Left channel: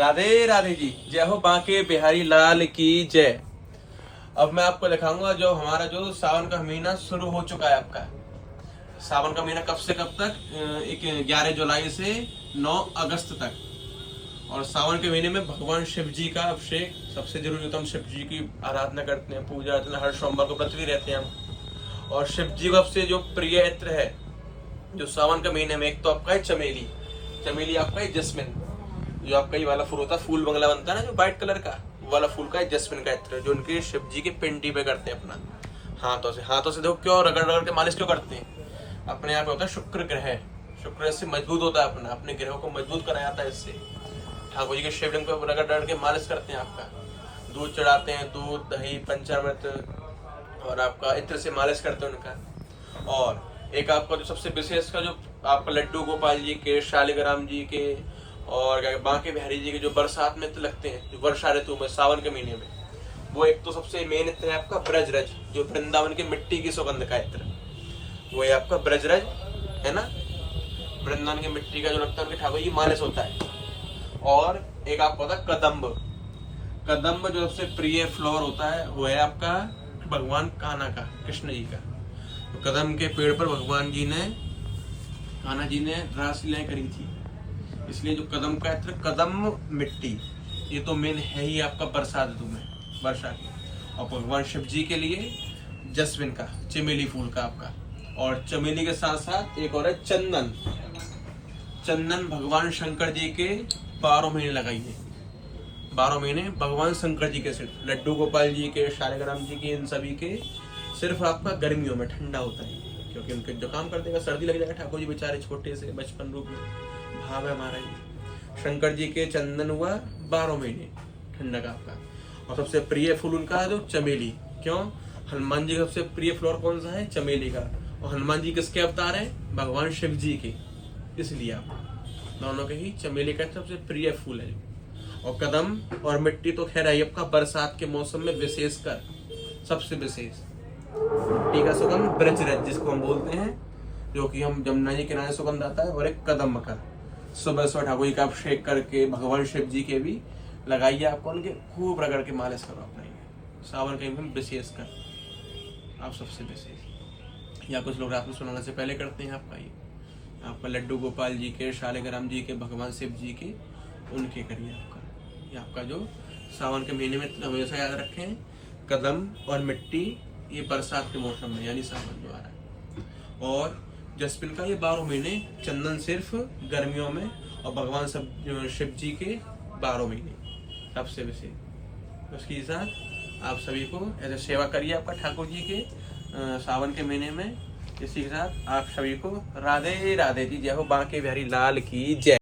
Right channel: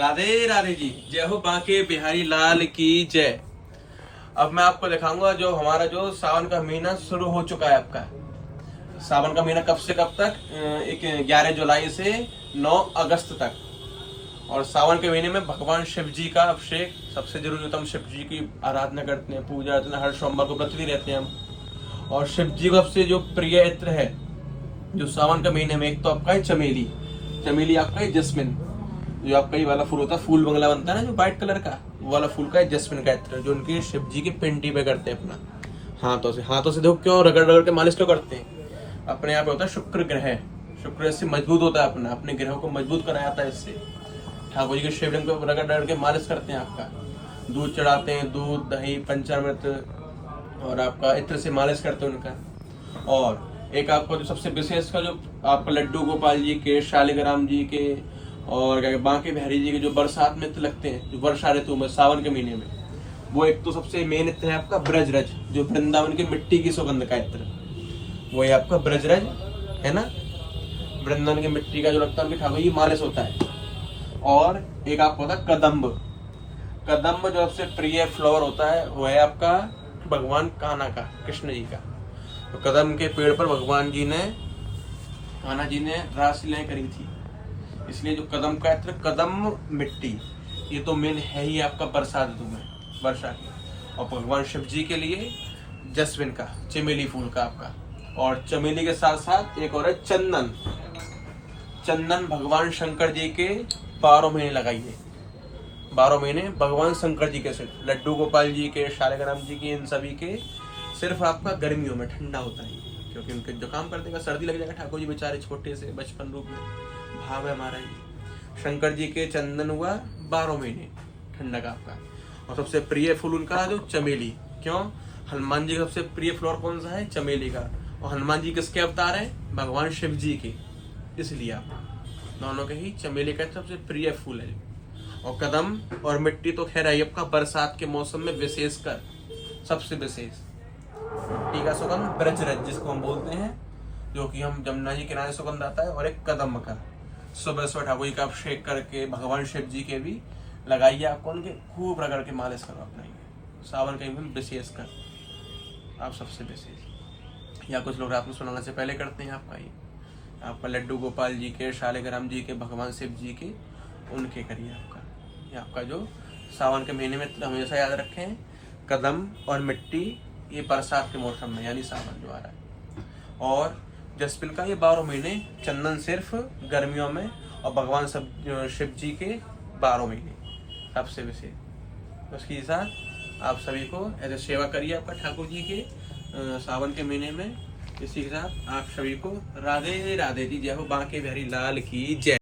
राधे राधे जी, जय हो बांके बिहारी लाल की जय। अब मैं आपको दिखाऊंगा जो हमारा जो सावन का महीना शुरू हो चुका है। आपका सावन का महीना कब से कब तक? एक 11 जुलाई से 9 अगस्त तक। और सावन के महीने में भगवान शिव जी का अभिषेक सबसे जरूरी होता है। हम शिव जी की आराधना करते हैं, पूजा अर्चना हर सोमवार को व्रत भी रहते हैं हम। और शिव जी का सबसे जो प्रिय इत्र है जो सावन के महीने में, एक तो आपका है चमेली। चमेली आपका है जस्मिन, जो आपका ये वाला फूल होता है, फूल बंगला बनता है ना जो व्हाइट कलर का, वो वाला फूल का है जस्मिन का इत्र, जो उनके शिव जी की पिंडी पे करते हैं अपना हाथों से देखो क्यों रगड़ रगड़ के मालिश क्यों करते हैं? अपने यहाँ पे होता है शुक्र ग्रह, शुक्र इससे मजबूत होता है, अपने ग्रहों को मजबूत कराया जाता है इससे। ठाकुर जी के शिवलिंग पे रगड़ रगड़ के मालिश करते हैं। आपका दूध चढ़ाते हैं, दूध दही पंचामृत, और आपका इत्र से मालिश करते हैं उनका। और एक आपका जो सबसे विशेष का जो आपका लड्डू गोपाल जी के, शालिग्राम जी के और बांके बिहारी जी के जो बरसात में लगते हैं, जो वर्षा ऋतु में सावन के महीने में, वो एक तो सबसे मेन इत्र है आपका ब्रजरज, जो वृंदावन की मिट्टी की सुगंध का इत्र, वो है आपका ब्रजरज है ना। वृंदावन की मिट्टी का जो लगता है उनकी ठाकुर जी मालिश होता है। और एक आपको होता है कदम्ब। कदम्ब जो सबसे प्रिय फ्लावर होता है वो है आपका भगवान कान्हा का, कृष्ण जी का। तो कदम के पेड़ पर भगवान जी ने, कान्हा जी ने रासलीलाएं करी थी, इसलिए जो कदम का इत्र, कदम मिट्टी, ये तो मेन है ही आपका बरसात ऋतु में, वर्षा की। और भगवान शिव जी के लिए जस्मिन का, चमेली फूल का आपका। और चमेली के साथ साथ एक और है चंदन। चंदन भगवान शंकर जी के 12 महीने लगाइए, 12 महीने भगवान शंकर जी के सिर्फ, लड्डू गोपाल जी के, शालिग्राम जी के, इन सभी के सिर्फ आपका गर्मियों में ठंडा होता है, क्योंकि उनके जो काम कर देगा सर्दी लग जाएगा। ठाकुर जी बेचारे छोटे से बचपन रूप में भाव है हमारा ये। शंकर जी के चंदन हुआ 12 महीने ठंडा का आपका। और सबसे प्रिय फूल उनका जो चमेली, क्यों? हनुमान जी का सबसे प्रिय फ्लावर कौन सा है? चमेली का। और हनुमान जी किसके अवतार है? भगवान शिव जी के, इसलिए आप दोनों के ही चमेली का सबसे प्रिय फूल है। और कदम और मिट्टी तो खैर है आपका बरसात के मौसम में विशेषकर सबसे विशेष। मिट्टी का सुगंध ब्रजरज जिसको हम बोलते हैं, जो कि हम जमुना जी किनारे सुगंध आता है। और एक कदम का सुबह सुबह ठाकुर जी का अभिषेक करके भगवान शिव जी के भी लगाइए, आपको उनके खूब रगड़ के मालिश करो अपने सावन के में विशेषकर, आप सबसे विशेष। या कुछ लोग रात में सुनाने से पहले करते हैं आपका ये, आपका लड्डू गोपाल जी के, शालिग्राम जी के, भगवान शिव जी के, उनके करिए आपका। ये आपका जो सावन के महीने में हमेशा याद रखें, कदम और मिट्टी, ये बरसात के मौसम में यानी सावन जो आ रहा है। और जस्मिन का ये 12 महीने, चंदन सिर्फ गर्मियों में, और भगवान शिव जी के 12 महीने सबसे विशेष। उसके साथ आप सभी को ऐसे सेवा करिए आपका ठाकुर जी के सावन के महीने में। इसी के साथ आप सभी को राधे राधे जी, जय हो बांके बिहारी लाल की जय।